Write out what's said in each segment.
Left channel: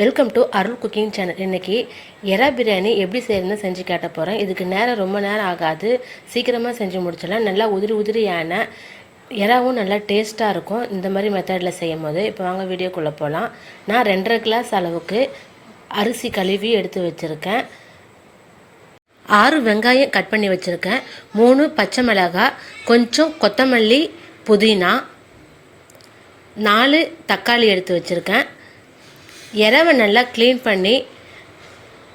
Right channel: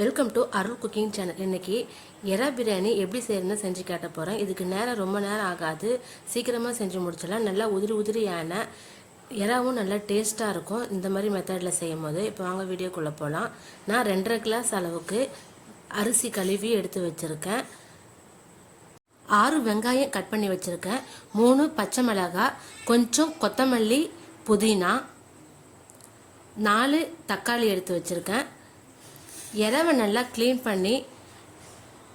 Welcome to Arul cooking channel. இன்றைக்கி எறா பிரியாணி எப்படி செய்யணும்னு செஞ்சு கேட்ட போகிறேன். இதுக்கு ரொம்ப நேரம் ஆகாது, சீக்கிரமாக செஞ்சு முடிச்சிடலாம். நல்லா உதிரியான எறாவும் நல்லா டேஸ்ட்டாக இருக்கும் இந்த மாதிரி மெத்தடில் செய்யும் போது. இப்போ வாங்க வீடியோக்குள்ளே போகலாம். நான் 2.5 கிளாஸ் அளவுக்கு அரிசி கழுவி எடுத்து வச்சுருக்கேன். 6 வெங்காயம் கட் பண்ணி வச்சுருக்கேன். 3 பச்சை மிளகாய், கொஞ்சம் கொத்தமல்லி, புதினா, 4 தக்காளி எடுத்து வச்சுருக்கேன். எறாவை நல்லா க்ளீன் பண்ணி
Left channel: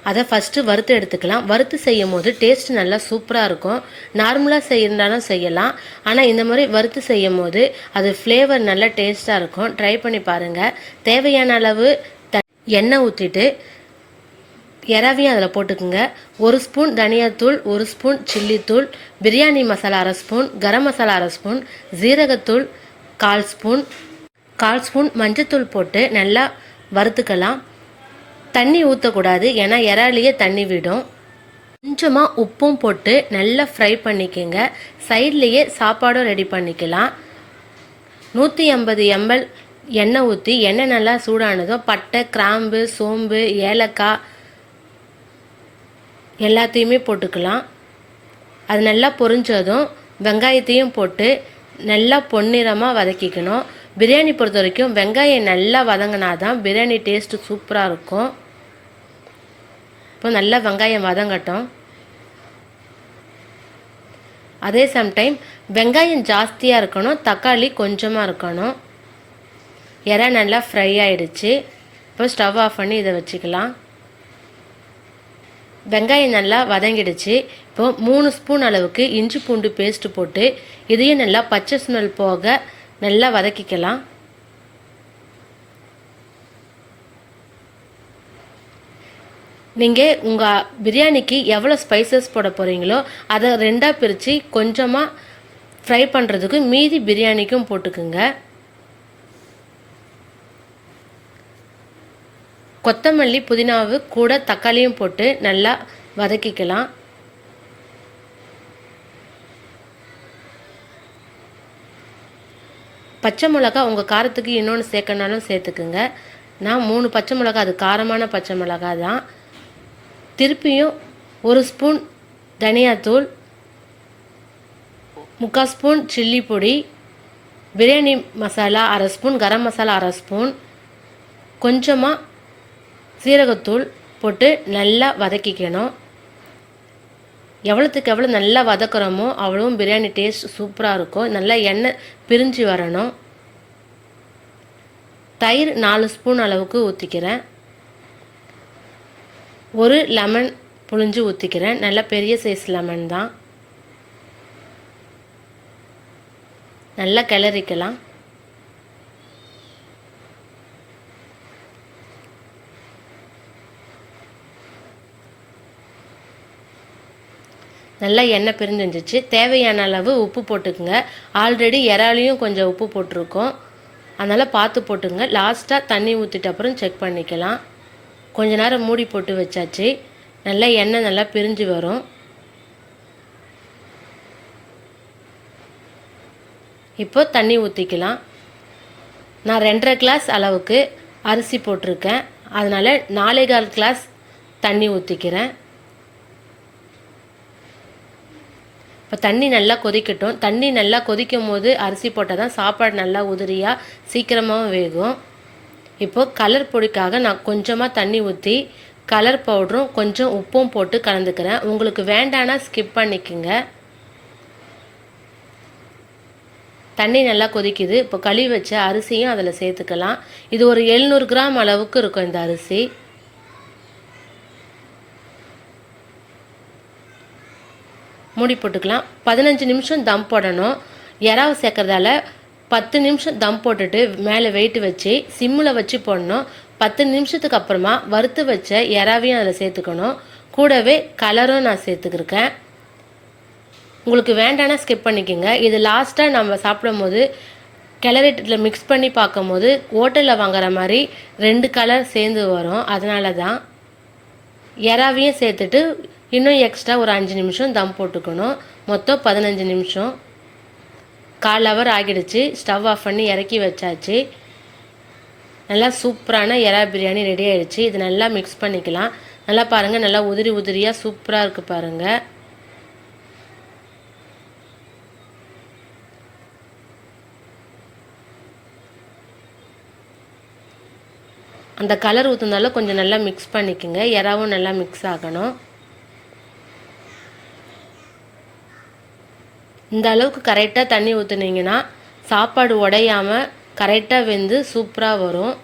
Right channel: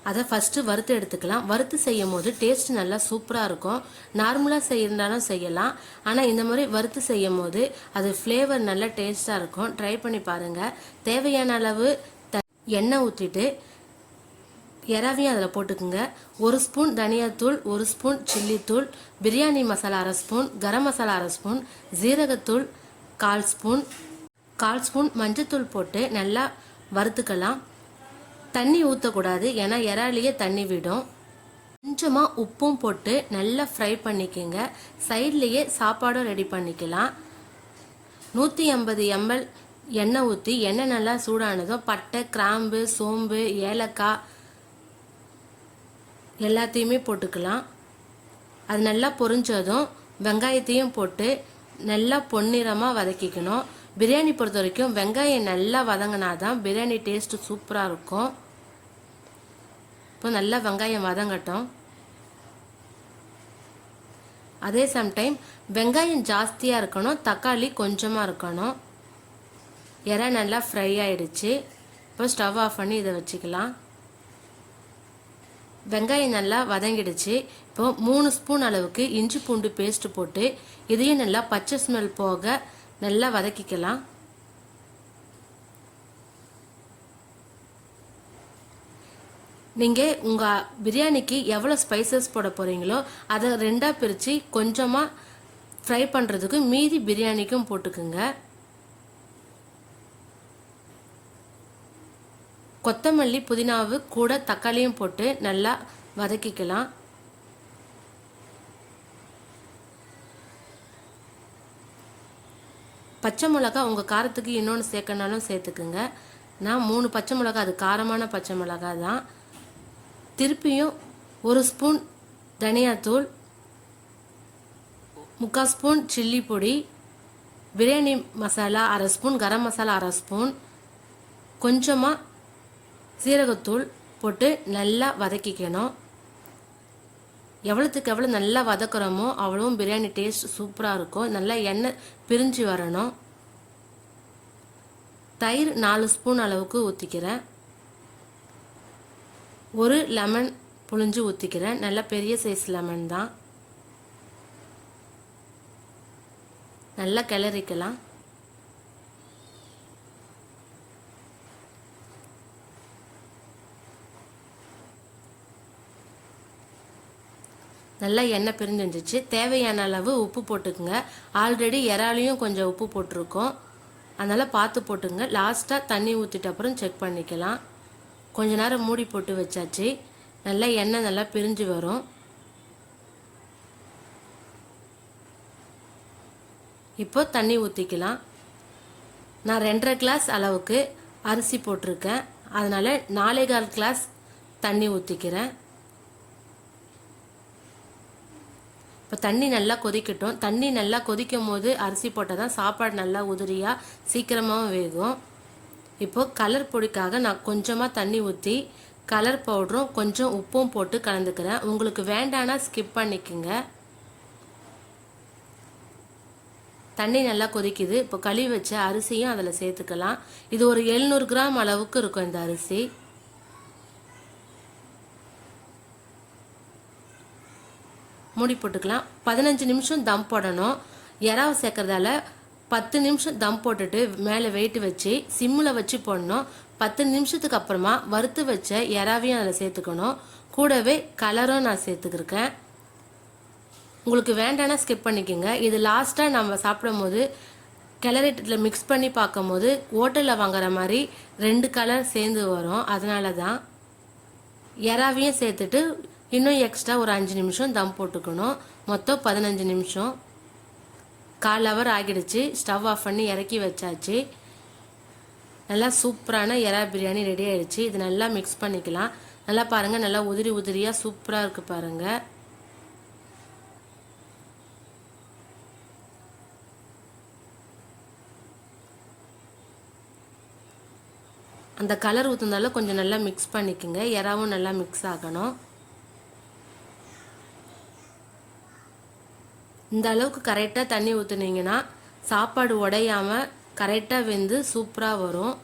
அதை ஃபஸ்ட்டு வறுத்து எடுத்துக்கலாம். வறுத்து செய்யும் போது டேஸ்ட் நல்லா சூப்பராக இருக்கும். நார்மலாக செய்யறதாலும் செய்யலாம், ஆனால் இந்த மாதிரி வறுத்து செய்யும் போது அது ஃப்ளேவர் நல்லா டேஸ்ட்டாக இருக்கும். ட்ரை பண்ணி பாருங்கள். தேவையான அளவு எண்ணெய் ஊற்றிட்டு எறாவையும் அதில் போட்டுக்குங்க. 1 ஸ்பூன் தனியாத்தூள், 1 spoon சில்லித்தூள், biryani masala 1/2 spoon, garam masala 1/2 spoon, ஜீரகத்தூள் 1/4 ஸ்பூன், மஞ்சத்தூள் போட்டு நல்லா வறுத்துக்கலாம். தண்ணி ஊற்றக்கூடாது, ஏன்னா எறாலேயே தண்ணி விடும். கொஞ்சமாக உப்பும் போட்டு நல்லா ஃப்ரை பண்ணிக்கோங்க. சைட்லேயே சாப்பாடும் ரெடி பண்ணிக்கலாம். 150 ml எண்ணெய் ஊற்றி எண்ணெய் நல்லா சூடானதும் பட்டை, கிராம்பு, சோம்பு, ஏலக்காய் எல்லாத்தையுமே போட்டுக்கலாம். அது நல்லா பொரிஞ்சதும் வெங்காயத்தையும் போட்டு நல்லா பொன்னிறமாக வதக்கிக்கணும். பிரியாணி பொறுத்த வரைக்கும் வெங்காயம் நல்லா வதங்கினா தான் பிரியாணி டேஸ்ட்டு சூப்பராக இருக்கும். இப்போ நல்லா வெங்காயம் வதங்கட்டும். அதே சம்டைம் வெங்காயம் ஜாஸ்தியாக இருக்கணும், தக்காளி கொஞ்சமாக இருக்கணும். எறா நல்லா ஃப்ரை ஆகிடுச்சு. இப்போ ஸ்டவ் ஆஃப் பண்ணி இதை வச்சுக்கலாம். வெங்காயம் நல்லா வதங்கிடுச்சு. இப்போ 3 ஸ்பூன் அளவுக்கு இஞ்சி பூண்டு பேஸ்ட்டு போட்டு இதையும் நல்லா பச்சை ஸ்மெல் போக நல்லா வதக்கிக்கலாம். நீங்கள் உங்கள் பிரியாணிக்கு எவ்வளோ ஸ்பைசஸ் போட போகிறீங்களோ அதை 2ஆக பிரித்து கொஞ்சமாக ஃப்ரை பண்ணுறதுக்கு மீதி பிரியாணிக்கும் போட்டுக்குங்க. கொத்தமல்லி, புதினாவு கூட தக்காளியும் போட்டு நல்லா வதக்கிக்கலாம். பச்சை மிளகா உங்கள் காரத்துக்கு இன்னொன்று சேர்க்கனாலும் சேர்த்துக்குங்க. நான் 3 பச்சை மிளகா, அது காரமான பச்சை மிளகா தான். திருப்பியும் 1 ஸ்பூன் தனியாத்தூள், 3/4 ஸ்பூன் சில்லி பொடி, பிரியாணி மசாலா 1/2 ஸ்பூன், கரம் மசாலா 1/2 ஸ்பூன், கொஞ்சமாக சீரகத்தூள் போட்டு நல்லா வதக்கிக்கணும். எவ்வளோத்துக்கு எவ்வளோ நல்லா வதக்குறோமோ அவ்வளவும் பிரியாணி டேஸ்ட் சூப்பராக இருக்கும். நல்லா எண்ணெய் பிரிஞ்சு வரணும். தயிர் 4 ஸ்பூன் அளவுக்கு ஊற்றிக்கிறேன். 1 லெமன் புழிஞ்சு ஊற்றிக்கிறேன். நல்லா பெரிய சைஸ் லெமன் தான். நல்லா கிளறிக்கலாம். நல்லா எண்ணெய் பிரிஞ்சிருந்துச்சு. தேவையான அளவு உப்பு போட்டுக்குங்க. ஆல்ரெடி எறாலையும் கொஞ்சம் உப்பு போட்டிருக்கோம், அதனால் பார்த்து போட்டுங்க. லாஸ்ட்டாக தண்ணி ஊற்றிட்டு அப்புறம் செக் பண்ணிக்கலாம். கொஞ்ச நேரம் மூடி போட்டு வச்சாச்சு. நல்லா எண்ணெய் நல்லா பிரிஞ்சு வரும். இப்போ தண்ணி ஊற்றிக்கலாம். நான் 2.5 கிளாஸ் அளவுக்கு அரிசி போட்டிருக்கேன், அதனால் 4.25 கிளாஸ் தண்ணி ஊற்றிக்கிறேன். இப்போ தண்ணி நல்லா கொதிக்கட்டும். தண்ணி நல்லா கொதிக்கும் போது அரிசி போட்டால் தான் சாப்பாடு நல்லா உதிரியாக சீக்கிரமாகவும் வேகும். இப்போது கலர் பொடிக்காக நான் கொஞ்சமாக தண்ணி ஊற்றி கலர் பவுடரும் கொஞ்சம் உப்பும் போட்டு கலந்துக்கிறேன். உங்களுக்கு வேண்டானா ஸ்கிப் பண்ணிக்கோங்க. தண்ணி நல்லா கொதிக்குது. இப்போ கழுவி வச்ச அரிசியும் அதில் சேர்த்துக்கலாம். இது ஒரு 700 கிராம் அளவுக்கு இருக்கும் இந்த அரிசி. மூடி போட்டுக்கலாம். 15 நிமிஷம் தம் போடணும். எறாவை சேர்க்கறதால 10 நிமிஷம் தம் போட்டுட்டு மேலே வெயிட் வச்சு சிம்மில் வச்சு போடணும். 10 நிமிஷத்துக்கு அப்புறமா வறுத்து வச்ச எறாவையும் அதில் சேர்த்துக்கணும். கூடவே கலரும் நான் சேர்த்துக்கிருக்கேன். உங்களுக்கு வேண்டானா ஸ்கிப் பண்ணிக்கோங்க. இது லாஸ்ட்டாக நம்ம சாப்பிடும் போது கிளறிட்டில் மிக்ஸ் பண்ணி பார்க்கும் போது ஹோட்டலில் வாங்குற மாதிரி 2 கலர் சேர்ந்து வரும். அதனால தான் எறாவையும் சேர்த்துட்டு இன்னும் எக்ஸ்ட்ரா ஒரு 5 நிமிஷம் தம் போட்டுக்கணும். மொத்தம் 15 நிமிஷம். 1/4 ஹவர் ஆகிடுச்சு. ஸ்டவ் ஆஃப் பண்ணி இறக்கி வச்சாச்சு. நல்லா சூப்பரான எறா பிரியாணி ரெடி ஆயிடுச்சு. இது நல்லா மிக்ஸ் பண்ணிக்கலாம். நல்லா பாருங்கள், நல்லா உதிரி உதிரியாக சூப்பராக இருக்குது பாருங்கள். அந்த கலர் ஊற்றுனால கொஞ்சம் நல்லா மிக்ஸ் பண்ணிக்கோங்க. எறாவும் நல்லா மிக்ஸ் ஆகணும். இந்த அளவுக்கு கரெக்டாக தண்ணி ஊற்றுனீங்கன்னா சாப்பாடு உடையாமல் கரெக்டாக வெந்து சூப்பராக வரும்.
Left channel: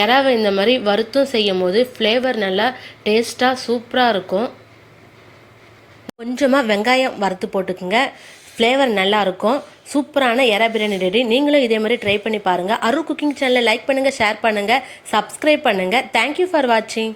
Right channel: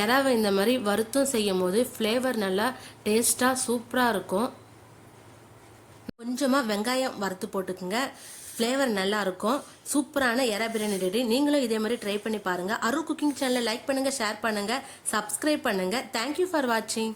எறாவை இந்த மாதிரி வறுத்தும் செய்யும் போது ஃப்ளேவர் நல்லா டேஸ்ட்டாக சூப்பராக இருக்கும். கொஞ்சமாக வெங்காயம் வறுத்து போட்டுக்குங்க, ஃப்ளேவர் நல்லாயிருக்கும். சூப்பரான எறா பிரியாணி ரெடி. நீங்களும் இதே மாதிரி ட்ரை பண்ணி பாருங்கள். அருள் குக்கிங் சேனலை லைக் பண்ணுங்கள், ஷேர் பண்ணுங்கள், சப்ஸ்கிரைப் பண்ணுங்கள். தேங்க்யூ ஃபார் வாட்சிங்.